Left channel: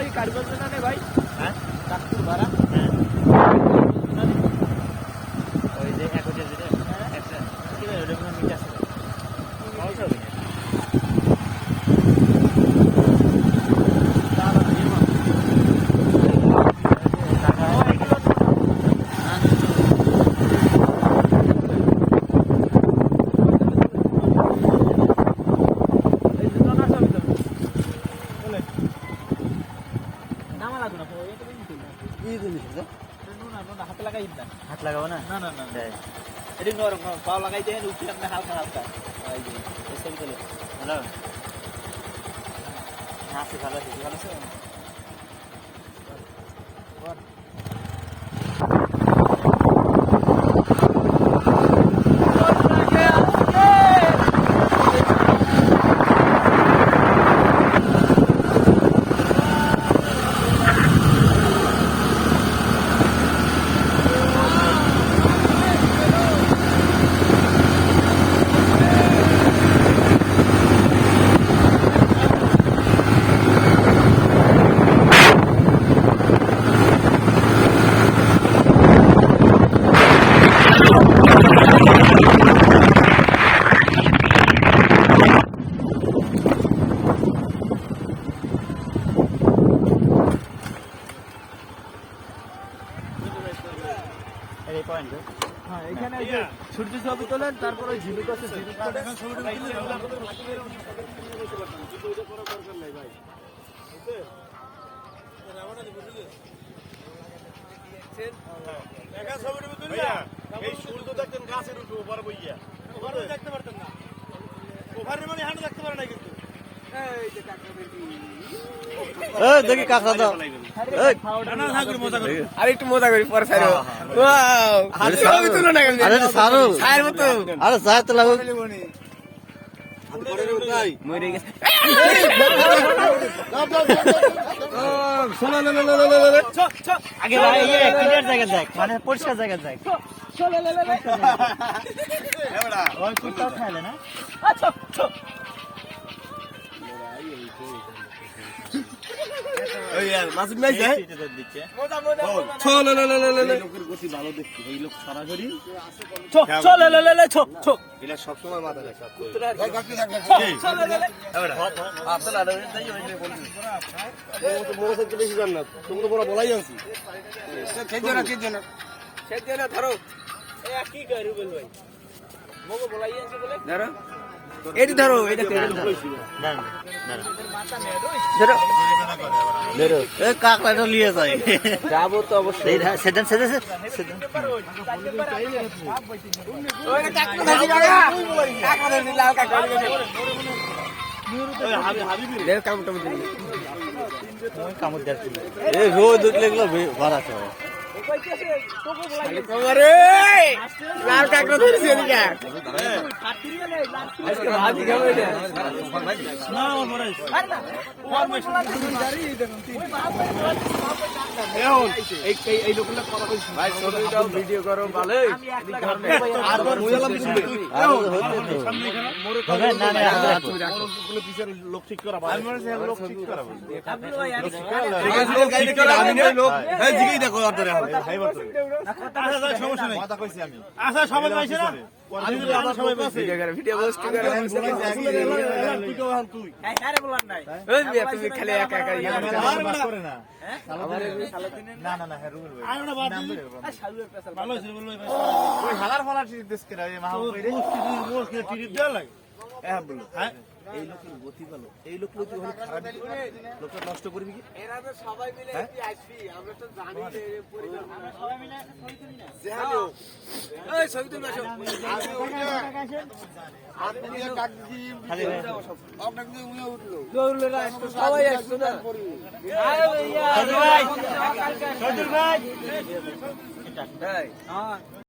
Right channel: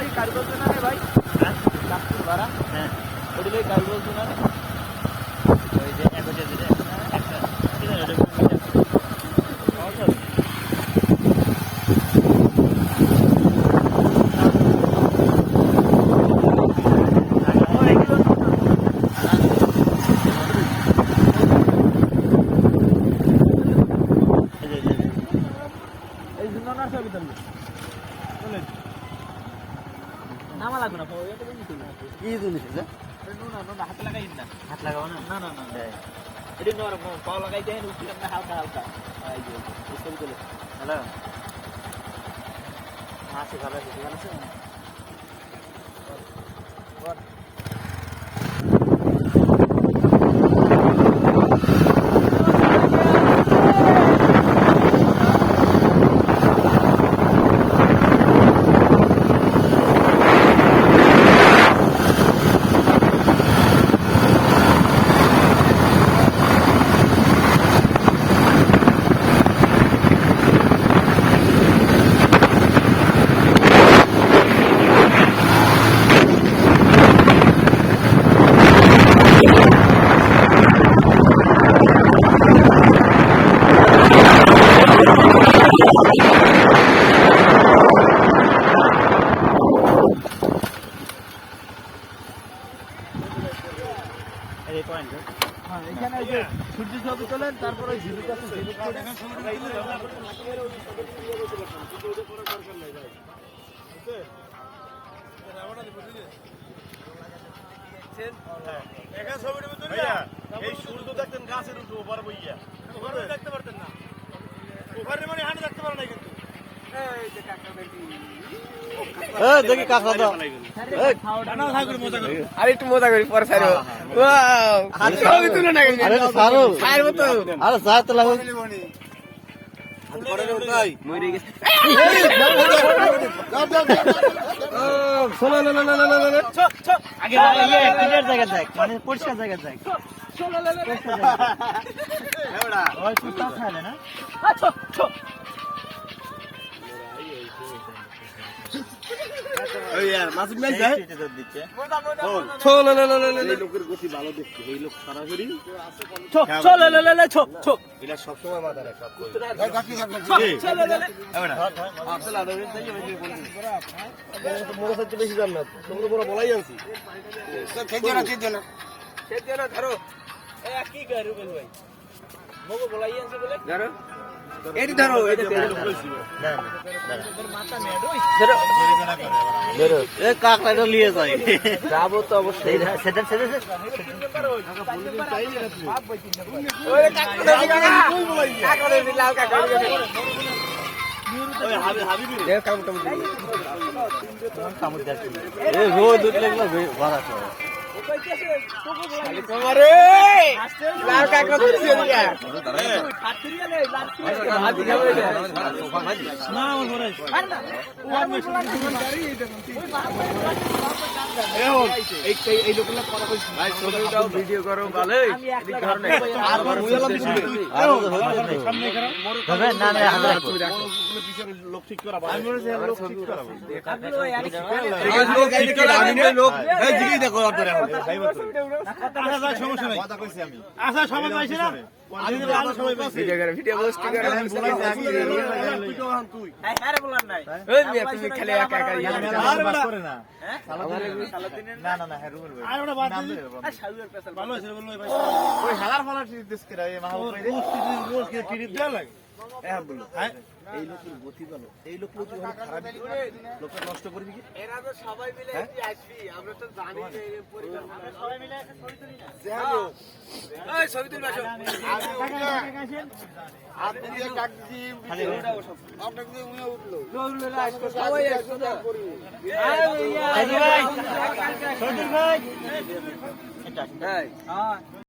ভাই কারুকাজ না রে ভাই হ্যাঁ কাকুর ভাড়া হ্যাঁ ওই যে এক হচ্ছে যেটা একটা কি জানো ওটা কোন মিটার আছে সমস্যা হবে কি জিনিস আছে নুনা হাত লাগাই না হাত লাগাবো না না না না এটি নর পা লাগাই দেন উপরে আমরা হালকা হালকা এই যে সিস্টেম চলে হ্যালো হাতে ভালো আছে বল এই পয়েন্ট হ্যাঁ এখানে এই যে সূর্য ছবি তোলেন তারপর ওই ঝিলিক আছে ঝিলিক দেখেন ছবিটা তুলে দরকার নাই ভাই একা ছবিটা তুলে এই সূর্য দেখতেন গাছের উপর উপরে বইয়া ওখানে দেখতে পারতেন না ওখানে মানে হাঁটু দেখতে পারে না কিন্তু এই যে কাকা বেটি এই দেখি কাকা দাও এই খাওয়াটা খাওয়া মজা করি আর একটু মজা করি পরে ছাড়ো ওয়াও ছবি তুলো না আরে ছাড়ো ছাড় মত আরে ছাড় তো লাগো হাত করে রে ভাই মরে গেছে ও চলো লে লে লে লে আগে এই ক্লিয়ার জায়গা দেখ মানে পরিষ্কার জায়গা দেখ চলো লে লে এবড়া ওই কুত্তা খাইলে না আচ্ছা ওই यार মাসুদ ভাই যায় মজা মজা চলো লে লে লে লে লোকের গতি ভালো দেখতে এই লোক সারাসরি চলো লে লে লে ছো এটা সব সময় মাথা রাখা এই কাকি রাখ চলো লে লে এবড়া আসলে আদা যাই আমি বলছি তো মোরা সত্যি বেশি জান না তোমরা বড় বলাই আনছি খেতে না ধরো এ কি করু বল ভাই মগো বলাই আনছি বলে ধরো এটি ধরো এটা তেল কইছি না ধরো ধরো এ কাকড়া নিয়ে যাই যাবো তো অবশ্যই সেদিন ওরে কাকড়া কাকড়া দিলা কাকড়া ওই হাবি লে কামটা দিই কাম করতে এ ও দুধ লাগলো ভাড়া তো ও কইতেছে তোকে বলাই তোমারে লাল কাকড়া দিছি এদিকে ফাটরি গেলে লাল না আমার ঘরে আরে না আর মেশিন গাড়ি ওই বাপ এই লোকগুলা কথা কইছি ভাই ছোটটাও ভিডিও করো ভালো এই কারণে আর মুয়ালা আর সামনে করো তবে না না হাতে কোনগুলো পিছনে লোক ঠিক করা ভাই আমি বলছি লোক ঠিক করা আপনি ওই এই গাড়ি কি আমি না লোক এই দিকেই দেখো ধরে ভাই বল সমস্যা নাই কথা কইছি আমি আচ্ছা সবাই পাইছে না আমি আবার সবাই পাইছি ভিডিও পোস্ট করে তুই তো হান তুই আরে বলার নাই ওই তুমি খালি একা একা করে না আমারে সালাদিনের না না না রুবেল ভাই আর ওটা বাদ দিন আর শালুর পেছাল ভালো আছে বল ভাই ওই হালার ফালার টিপ দেশ করে এই মাহবুব রোজ কি টিপ দেওয়া লাগে হ্যাঁ বলো হ্যাঁ এই লোকের গতি ভালো এই লোক গতি ভালো খারাপ লোকটা নষ্ট করবি কি এরা তো সবাই মিলে কি আসবি আমরা তো জানি এই পরিবার আমরা সবাই মিলে ছবি তুলি না যাও এই ছবি তুলবা আপনি যে কাট দি ভিডিওটা সব আপনাকে উনি উঠলো উঠলো আজকে সবাই একসাথে করবে আরে ভাই ভাই ভাই এটা হ্যাঁ